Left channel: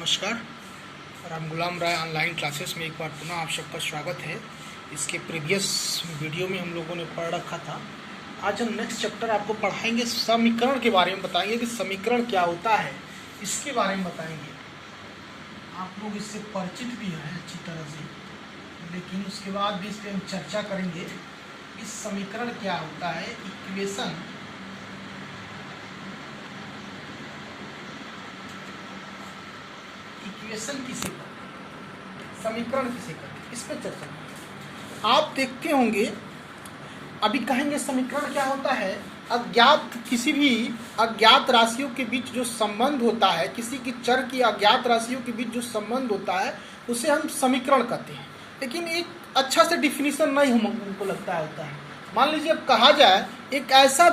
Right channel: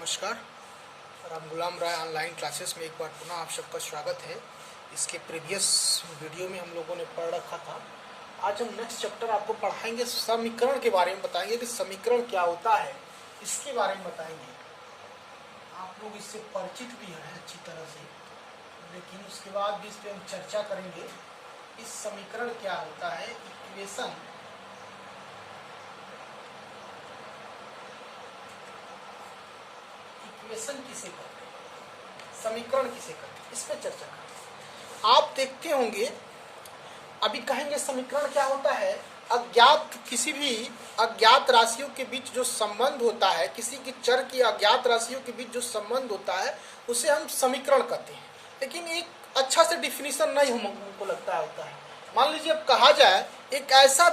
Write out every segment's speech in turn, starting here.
नमस्कार। राम गुलाम राय online classes में एक बार पुनः आप सबका स्वागत है। इसके प्रीवियस वीडियो में हम लोगों ने पढ़ रखा था। आज हम नेक्स्ट चैप्टर आपको पढ़ाएंगे, समीकरण के बारे में बताएंगे कि समीकरण क्या होता है, इसके बारे में बताएंगे। आप लोग इससे परिचित भी हैं अच्छी तरह से, लेकिन उसके बाद भी इस पर हम चर्चा करेंगे। इस समीकरण क्या होता है, इक्वेशन किसे करते हैं, समीकरण किसे करते हैं, इस पर चर्चा करें। आप देखते होंगे, अभी कहेंगे समीकरण क्या होता है। किसी भी अज्ञात राशियों के बीच जो संबंध होता है, किसी की चर की अज्ञात राशियों के बीच जो संबंध होता है, उसे हम समीकरण कहते हैं। लेकिन एक अच्छा से डिफिनीशन नहीं हमको लगता होता है। मान लीजिए अब कहा जाए एक ऐसा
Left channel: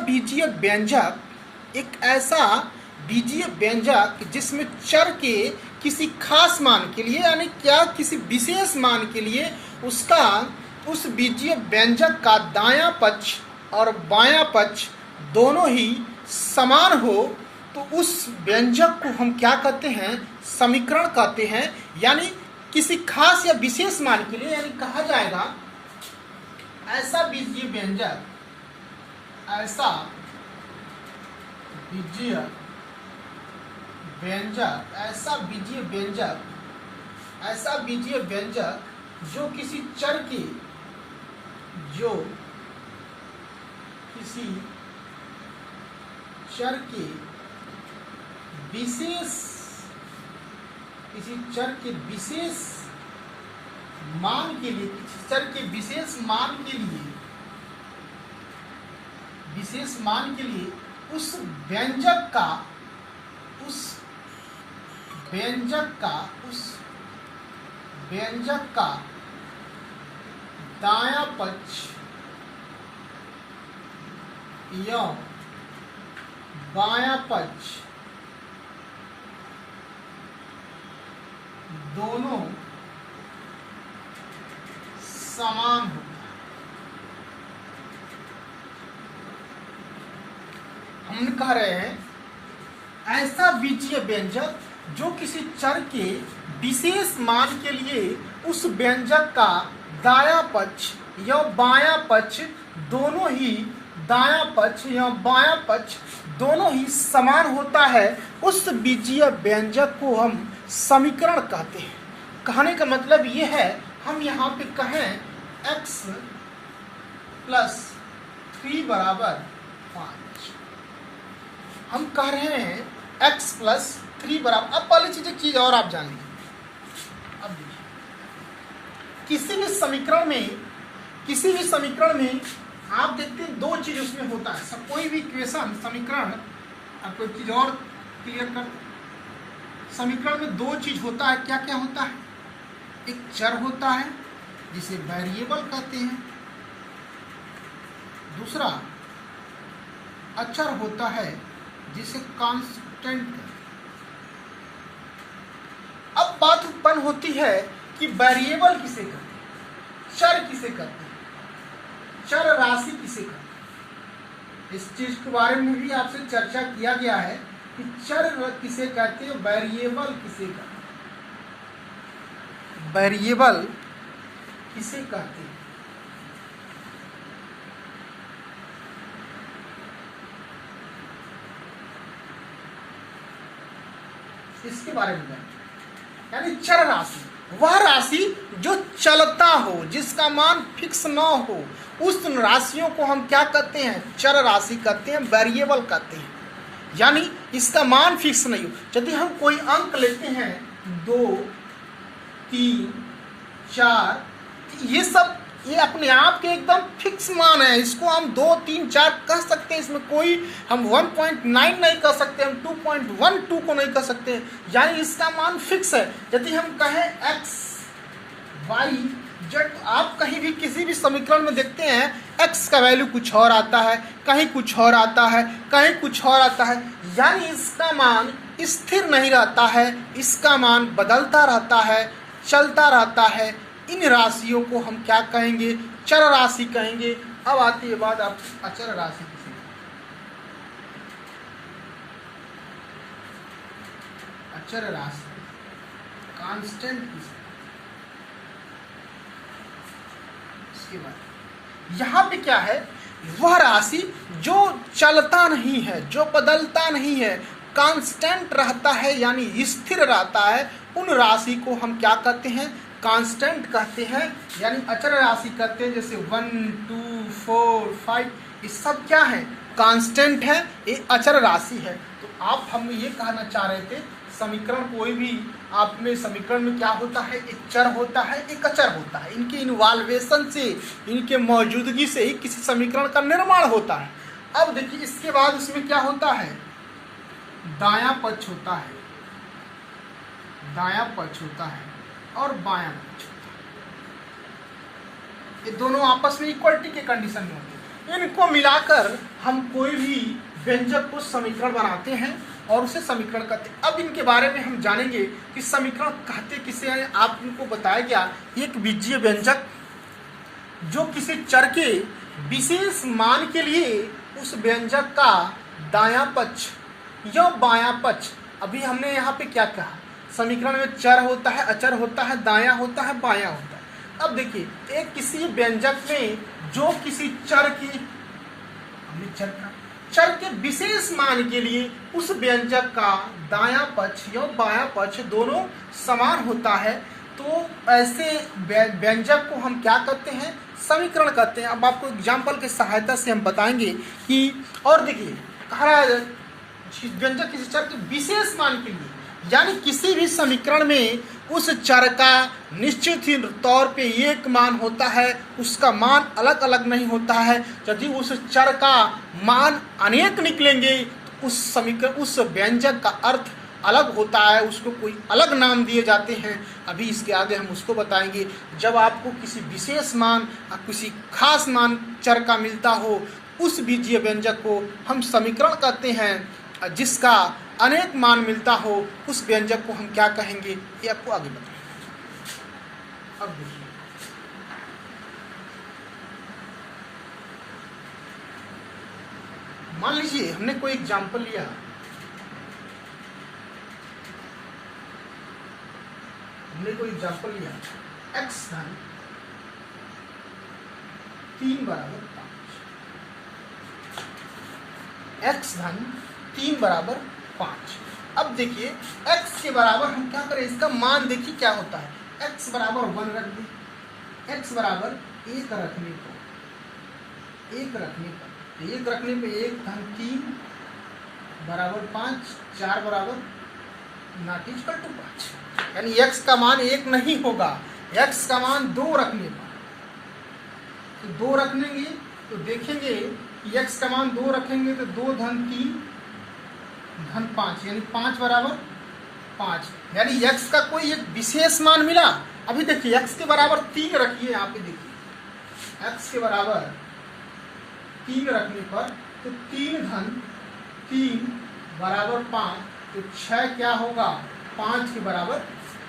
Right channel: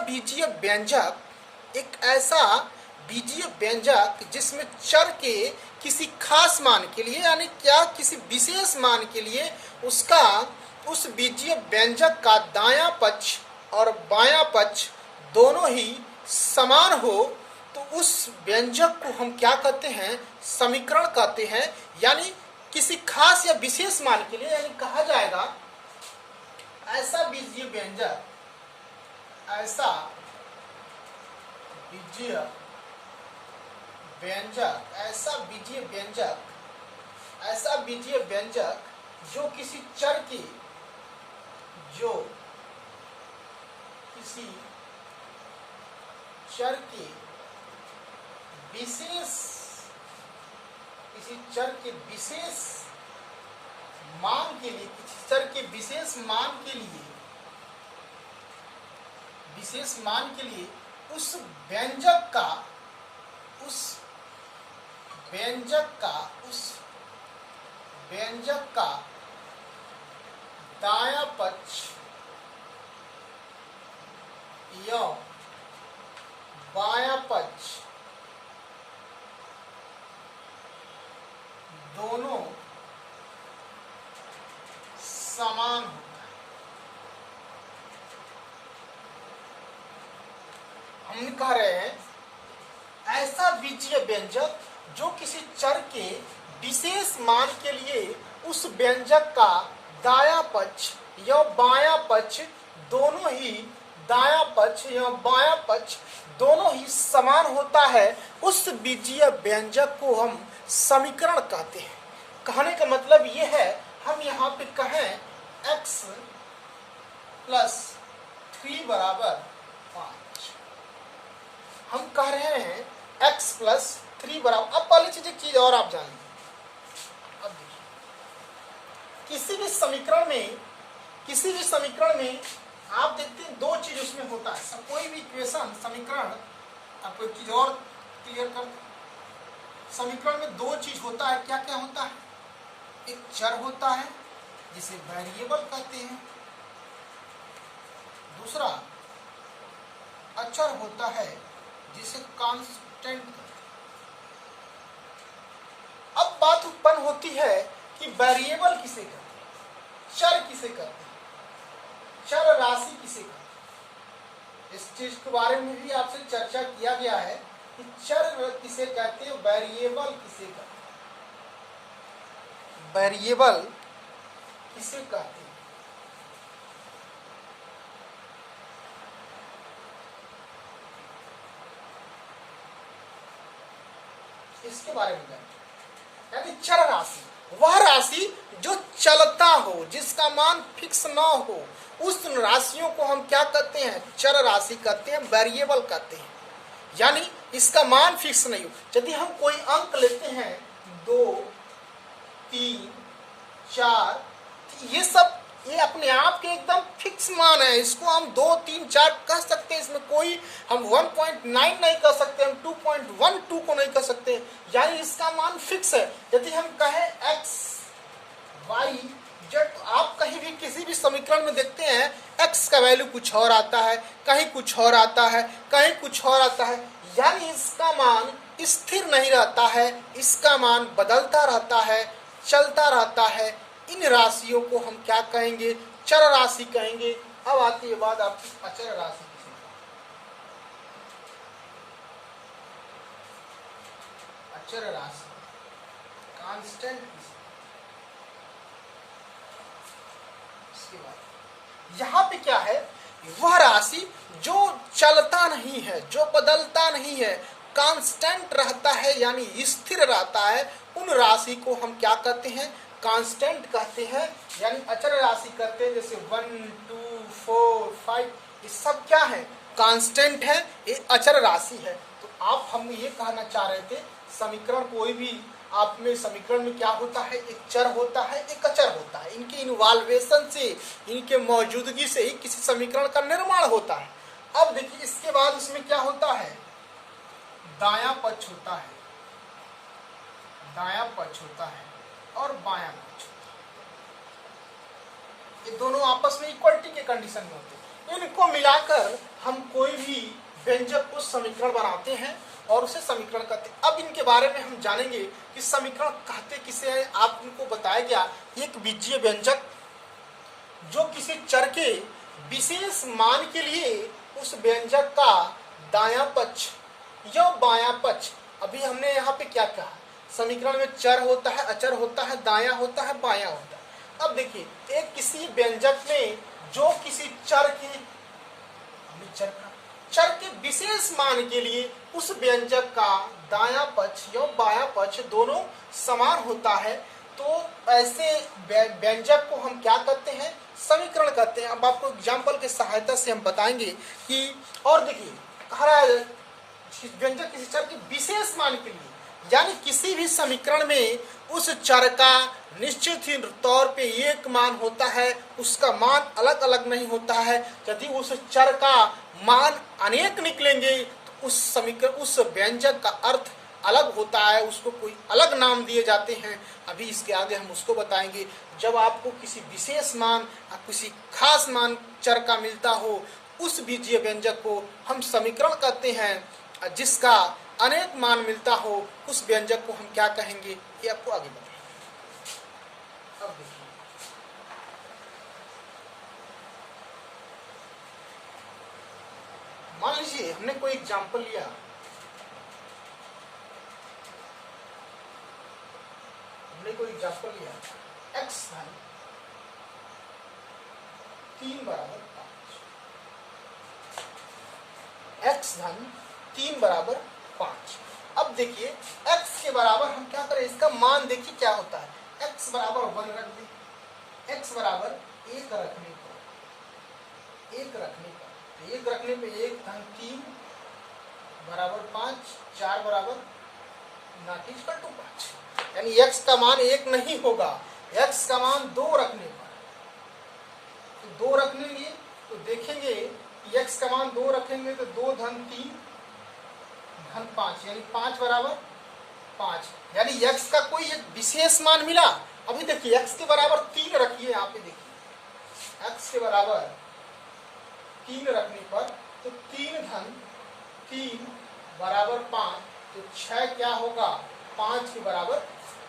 बीजीय व्यंजक जिसमें चर के किसी खास मान के लिए, यानी क्या किसी विशेष मान के लिए उस बीजीय व्यंजक का दायां पक्ष और बायां पक्ष दोनों ही समान हो, तो उस व्यंजक को हम क्या कहते हैं, समीकरण कहते हैं। यानी किसी खास या विशेष मान के लिए, यानी कहा जाएगा ऐसा बीजीय व्यंजक जो किसी चर के विशेष मान के लिए, उस व्यंजक का दायां पक्ष या बायां पक्ष दोनों समान होता है। हम कह रहे हैं ऐसा बीजीय व्यंजक जो किसी चर के विशेष मान के लिए उस व्यंजक का दायां पक्ष या बायां पक्ष दोनों ही समान होता है, उस बीजीय व्यंजक को हम समीकरण कहते हैं। कहने का मतलब ये है, हम यहाँ पे कहें x + 3 = 5, हम कह रहे हैं x + 3 बराबर। अब पहली चीज और आप जान लीजिए। अब देखिए, किसी भी समीकरण में आप देखते हैं दो चीज उसमें होता है। सब कोई भी इक्वेशन समीकरण, आपको एक चीज और क्लियर कर, समीकरण में दो चीज होता है। क्या क्या होता है? एक चर होता है जिसे वेरिएबल कहते हैं, दूसरा अचर होता है जिसे कांस्टेंट कहते हैं। अब बात उत्पन्न होती है कि वेरिएबल किसे कहते हैं, चर किसे कहते हैं, चर राशि किसे कहते हैं। इस चीज के बारे में भी आपसे चर्चा किया गया है कि चर किसे कहते हैं, वेरिएबल किसे कहते हैं, वेरिएबल किसे कहते हैं। इसके बारे में जानते हैं। यानी चर राशि वह राशि जो चलता हो, जिसका मान फिक्स ना हो, उस राशियों को हम क्या कहते हैं, चर राशि कहते हैं, वेरिएबल कहते हैं। यानी इसका मान फिक्स नहीं हो। यदि हम कोई अंक लेते हैं 2, 3, 4, ये अपने आप के एकदम फिक्स मान है। इसको हम 2, 3, 4 कह सकते हैं। इसमें कोई हम 1.9 नहीं कह सकते, हम 2.12 को नहीं कह सकते। यानी इसका मान फिक्स है। यदि हम कहें x, y, z, आप कहीं भी किसी भी समीकरण में देखते हैं x का वैल्यू कुछ और आता है, कहीं कुछ और आता है, कहीं कुछ और आता है। यानी इसका मान स्थिर नहीं रहता है, इसका मान बदलता रहता है, चलता रहता है। इन राशियों को हम क्या कहेंगे, चर राशि कहेंगे। अब आती है बात आप अचर राशि किसे, अचर राशि। कांस्टेंट की। इसके बाद यहां पे क्या है, वह राशि जो चलता नहीं है, जो बदलता नहीं है, कांस्टेंट रहता है यानी स्थिर रहता है, उन राशि को हम क्या कहते हैं, कांस्टेंट कहते हैं, यानी अचर राशि कहते हैं। जैसे 1 2 4 5 ये सब क्या है, कांस्टेंट है, ये अचर राशि है। तो आप हम ये कहना चाह रहे थे, समीकरण कोई भी आप में समीकरण में क्या होता है, एक चर होता है, एक अचर होता है। इनके इन्वॉल्वेशन से, इनके मौजूदगी से ही किसी समीकरण का निर्माण होता है। अब देखिए इसके बाद उसमें क्या होता है, दायां पक्ष होता है, दायां पक्ष होता है और बायां पक्ष होता है। ये दोनों आपस में इक्वलिटी के कंडीशन में होते हैं। इनको मिलाकर हम कोई भी व्यंजक को समीकरण बनाते हैं और उसे समीकरण कहते हैं। अब इनके बारे में हम जानेंगे कि समीकरण कहते किसे हैं। आप इनको बताया गया एक बीजीय व्यंजक जो किसी चर के विशेष मान के लिए उस व्यंजक का दायां पक्ष या बायां पक्ष, अभी हमने यहाँ पे क्या कहा, समीकरण में चर होता है, अचर होता है, दायां होता है, बायां होता है। अब देखिए एक किसी व्यंजक में जो किसी चर की, चर के विशेष मान के लिए उस व्यंजक का दायां पक्ष या बायां पक्ष दोनों समान होता है, तो ऐसे व्यंजक को हम क्या कहते हैं, समीकरण कहते हैं। अब आपको एग्जाम्पल की सहायता से हम बताएंगे कि, और देखिए कह रहा है व्यंजक किसी चर के विशेष मान के लिए, यानी किसी भी समीकरण में उस चर का निश्चित ही तौर पे एक मान होता है, उसका मान अलग अलग नहीं होता है। यदि उस चर का मान अनेक निकलेंगे तो उस समीकरण, उस व्यंजक का अर्थ अलग होता है, उसको कोई अलग नाम दिए जाते हैं। अभी इसके आगे हम उसको बताएंगे। जब आपको किसी विशेष मान, किसी खास मान चर का मिलता हो, उस बीजीय व्यंजक को हम समीकरण कहते हैं। जिसका अनेक मान मिलता हो, उस व्यंजक को हम क्या कहेंगे, ये आपको आगे बताएंगे। अब देखिए मान लीजिए हमने कोई एग्जाम्पल लिया, x धन 3 बराबर 5, x धन 3 बराबर 5। अब देखिए x के बराबर हम क्या करें, इसका मान देखिए क्या होता है, x बराबर 1 रख दें, x बराबर 1 रखने पर 1 रखने पे 1 धन 3 बराबर 5, 4 बराबर नॉट इक्वल टू 5, यानी x का मान 1 नहीं होगा, x का मान 2 रखने पर, तो 2 रखेंगे तो देखेंगे कि x का मान 2 रखेंगे तो 2 धन 3 धन 5, यानी 5 बराबर 5, यानी x का कोई एक विशेष मान मिला। अभी देखिए x के बराबर 3 रखिए, यहाँ पे देखिए x के बराबर 3 रखने पर तो 3 धन 3 बराबर 5, तो 6 क्या होगा, 5 के बराबर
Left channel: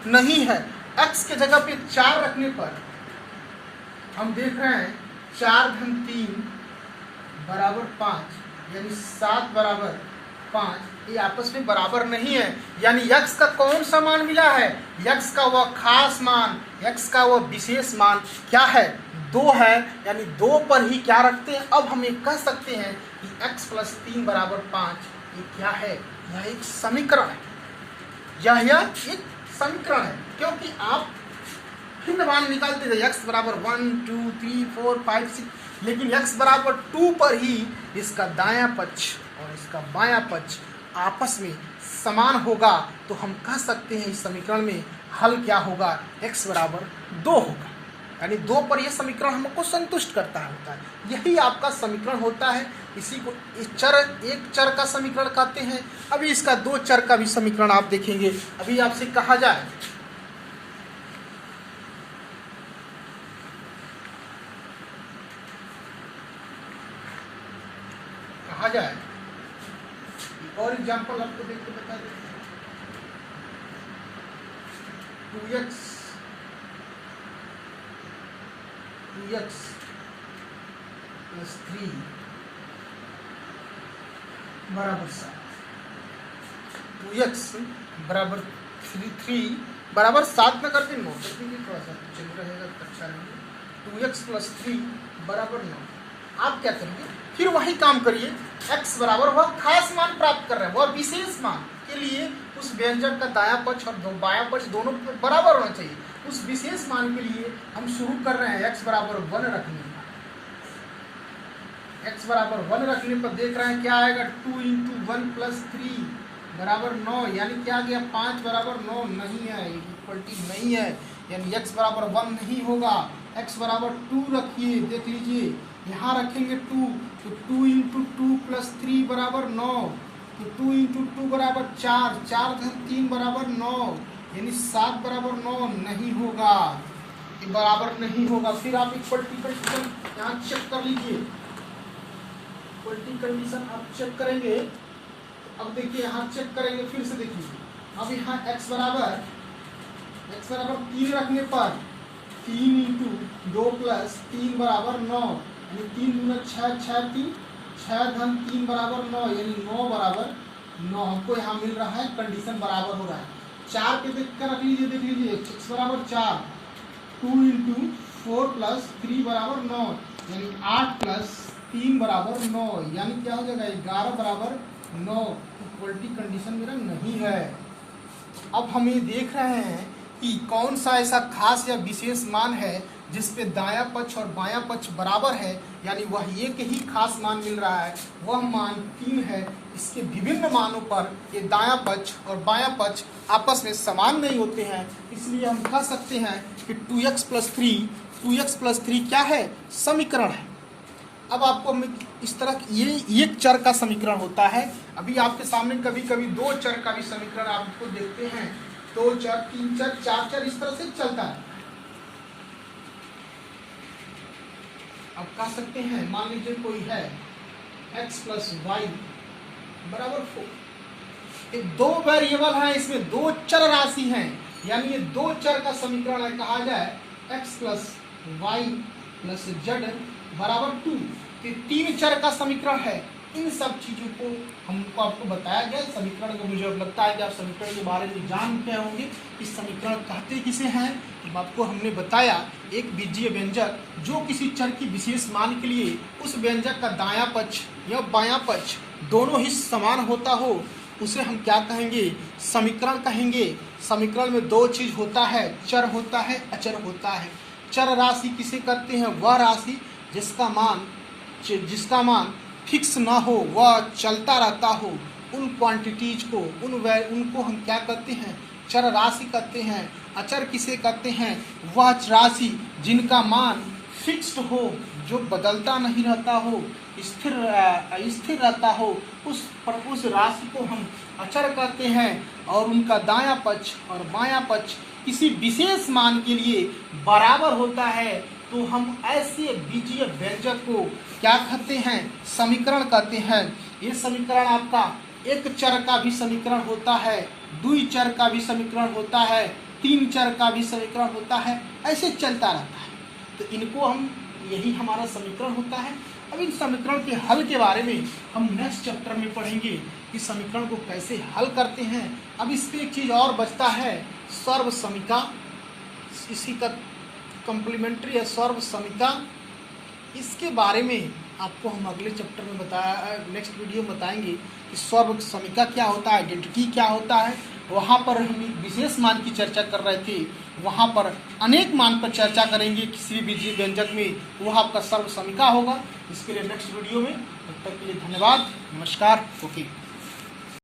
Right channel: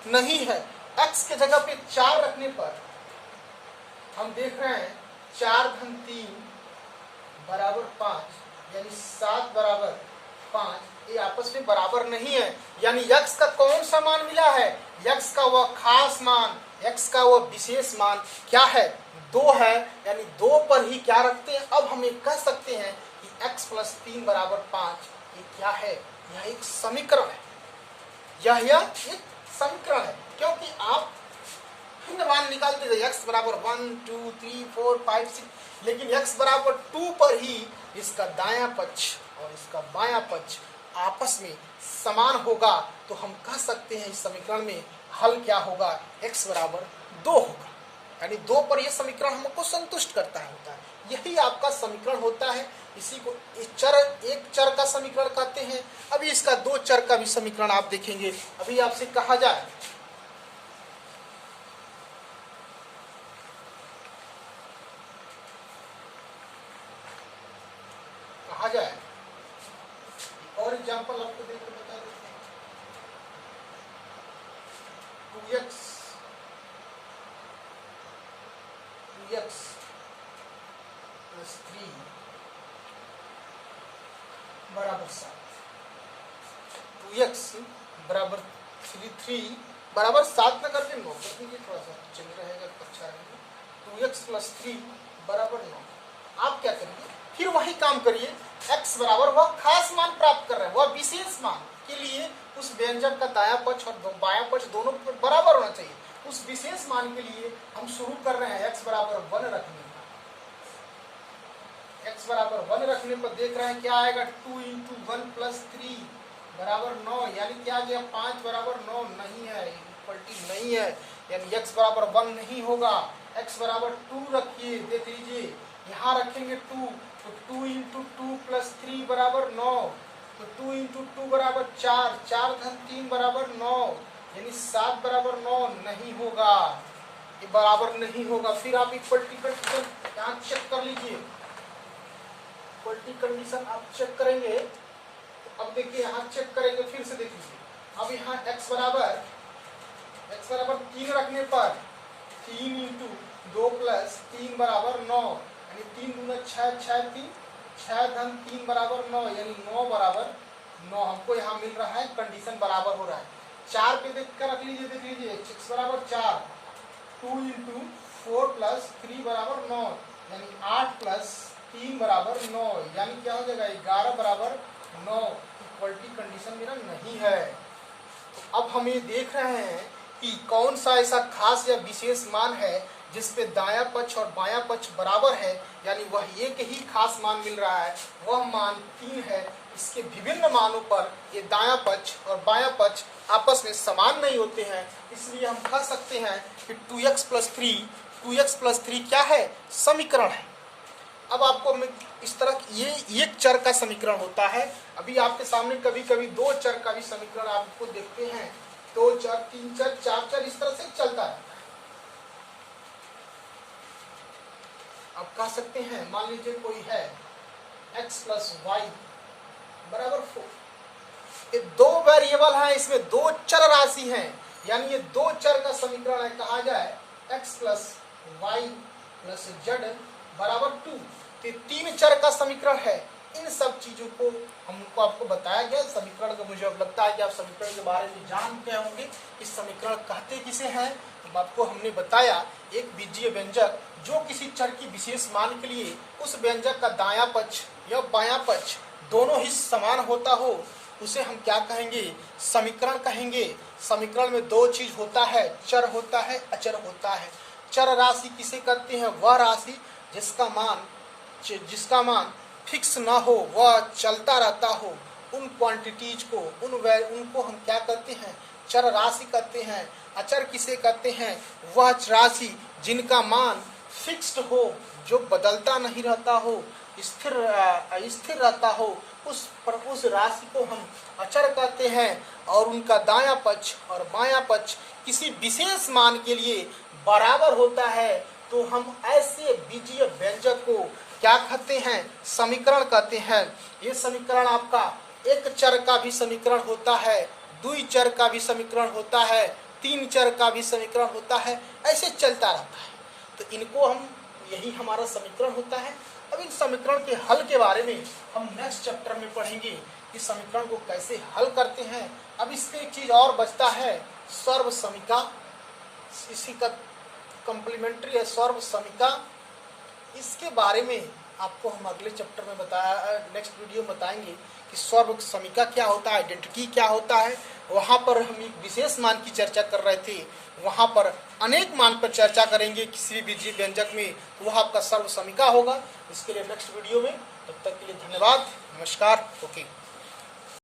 नहीं है। x के जगह पे 4 रखने पर हम देख रहे हैं 4 धन 3 बराबर 5, यानी 7 बराबर 5, ये आपस में बराबर नहीं है। यानी x का कौन सा मान मिला है, x का वह खास मान, x का वह विशेष मान क्या है, 2 है, यानी 2 पर ही क्या रखते हैं। अब हम एक कह सकते हैं कि x प्लस 3 बराबर 5 ये क्या है, यह एक समीकरण है, यह एक समीकरण है, क्योंकि आप भिन्न मान निकालते थे x बराबर 1 2 3 4 5 6, लेकिन x बराबर 2 पर ही इसका दायां पक्ष और इसका बायां पक्ष आपस में समान होगा, तो हम कह सकते हैं इस समीकरण में हल क्या होगा, x बराबर 2 होगा, यानी 2 पर यह समीकरण हमको संतुष्ट करता होता है। यही आपका समीकरण होता है। इसी को एक चर का समीकरण कहते हैं। अभी इसका 2 चर का भी समीकरण आप देखेंगे। अभी आपसे कहा जाए और एग्जाम्पल आपको देख के बता देते हैं। 2x प्लस 3 बराबर 7, 2x बराबर 3 बराबर 7 न करके 9 कर दीजिए, थोड़ा सा चल रहेगा तो अच्छा रहेगा। 2x + 3 बराबर 9। आप क्या करिए, फिर वही काम करिए, x बराबर वह खास मान प्राप्त कर रहे हैं, वह विशेष मान के लिए उस व्यंजक का दायां पक्ष और बायां पक्ष दोनों बराबर होना चाहिए। उस विशेष मान के लिए हम शुरू कर रहे हैं x बराबर 1 रखने का। x बराबर 1 रखने पर देख रहे हैं क्या आएगा, 2 × 1 + 3 बराबर 9, यानी क्या आ गया 5 बराबर 9 नहीं है, इक्वलिटी नहीं है, यानी x बराबर 1 नहीं होगा। x बराबर 2 रखिए, देख लीजिए यहाँ रखेंगे 2, तो 2 × 2 + 3 बराबर 9, तो 2 × 2 बराबर 4, 4 + 3 बराबर 9, यानी 7 बराबर 9 नहीं होगा, ये बराबर नहीं होगा। फिर आप इक्वलिटी कंडीशन यहाँ चेक कर लीजिए, इक्वलिटी कंडीशन आप चेक करेंगे, तो अब देखिए यहाँ चेक करेंगे, फिर से देखिए, अब यहाँ x बराबर 3 रखने पर 3 × 2 + 3 बराबर 9, यानी 3 दूना 6, 6 3, 6 × 3 बराबर 9, यानी 9 बराबर 9 हमको यहाँ मिल रहा है, कंडीशन बराबर हो रहा है। 4 पे देख कर रख लीजिए, देख लीजिए x बराबर 4, 2 × 4 + 3 बराबर 9, यानी 8 + 3 बराबर 9, यानी क्या हो जाएगा 11 बराबर 9, इक्वलिटी कंडीशन मेरा नहीं है। अब हम ये देख रहे हैं कि कौन सा ऐसा खास या विशेष मान है जिसपे दायां पक्ष और बायां पक्ष बराबर है, यानी वह एक ही खास मान मिल रहा है, वह मान 3 है। इसके विभिन्न मानों पर ये दायां पक्ष और बायां पक्ष आपस में समान नहीं होते हैं, इसलिए हम कह सकते हैं कि 2x + 3 क्या है, समीकरण है। अब आपको इस तरह ये एक चर का समीकरण होता है। अभी आपके सामने कभी कभी 2 चर का भी समीकरण आपको देखते हैं, 2 चर, 3 चर, 4 चर, इस तरह से चलता है। अब कह सकते हैं, मान लीजिए कोई है x + y बराबर 4, ये 2 वेरिएबल हैं, इसमें 2 चर राशि हैं, यानी ये 2 चर का समीकरण है, कहा जाए x + y + z बराबर 2, ये 3 चर का समीकरण है। इन सब चीजों को हमको आपको बताया गया समीकरण का। मुझे अब लगता है कि आप समीकरण के बारे में जानते होंगे, इस समीकरण कहते किसे हैं। तो आपको हमने बताया, एक बीजीय व्यंजक जो किसी चर की विशेष मान के लिए उस व्यंजक का दायां पक्ष या बायां पक्ष दोनों ही समान होता हो, उसे हम क्या कहेंगे, समीकरण कहेंगे। समीकरण में 2 चीज होता है, चर होता है, अचर होता है। चर राशि किसे कहते हैं, वह राशि जिसका मान फिक्स ना हो, वह चलता रहता हो। उन क्वांटिटीज को, उनको हम क्या कहते हैं, चर राशि कहते हैं। अचर किसे कहते हैं, वह राशि जिनका मान फिक्स्ड हो, जो बदलता नहीं रहता हो, स्थिर रहता हो, उस राशि को हम अचर कहते हैं। और उनका दायां पक्ष और बायां पक्ष किसी विशेष मान के लिए बराबर होता है, तो हम ऐसे बीजीय व्यंजक को क्या कहते हैं, समीकरण कहते हैं। ये समीकरण आपका एक चर का भी समीकरण होता है, 2 चर का भी समीकरण होता है, 3 चर का भी समीकरण होता है, ऐसे चलता रहता है। तो इनको हम, यही हमारा समीकरण होता है। अब इन समीकरण के हल के बारे में हम नेक्स्ट चैप्टर में पढ़ेंगे कि समीकरण को कैसे हल करते हैं। अब इस पे एक चीज और बचता है, सर्वसमीका, इसी का कम्प्लीमेंट्री है सर्वसमीका। इसके बारे में आपको हम अगले चैप्टर में नेक्स्ट वीडियो में बताएंगे कि सर्वसमीका क्या होता है, आइडेंटिटी क्या होता है। वहाँ पर हम एक विशेष मान की चर्चा कर रहे थे, वहाँ पर अनेक मान पर चर्चा करेंगे किसी भी बीजीय व्यंजक में, वह आपका सर्वसमीका होगा। इसके लिए नेक्स्ट वीडियो में, तब तक के लिए धन्यवाद, नमस्कार, ओके।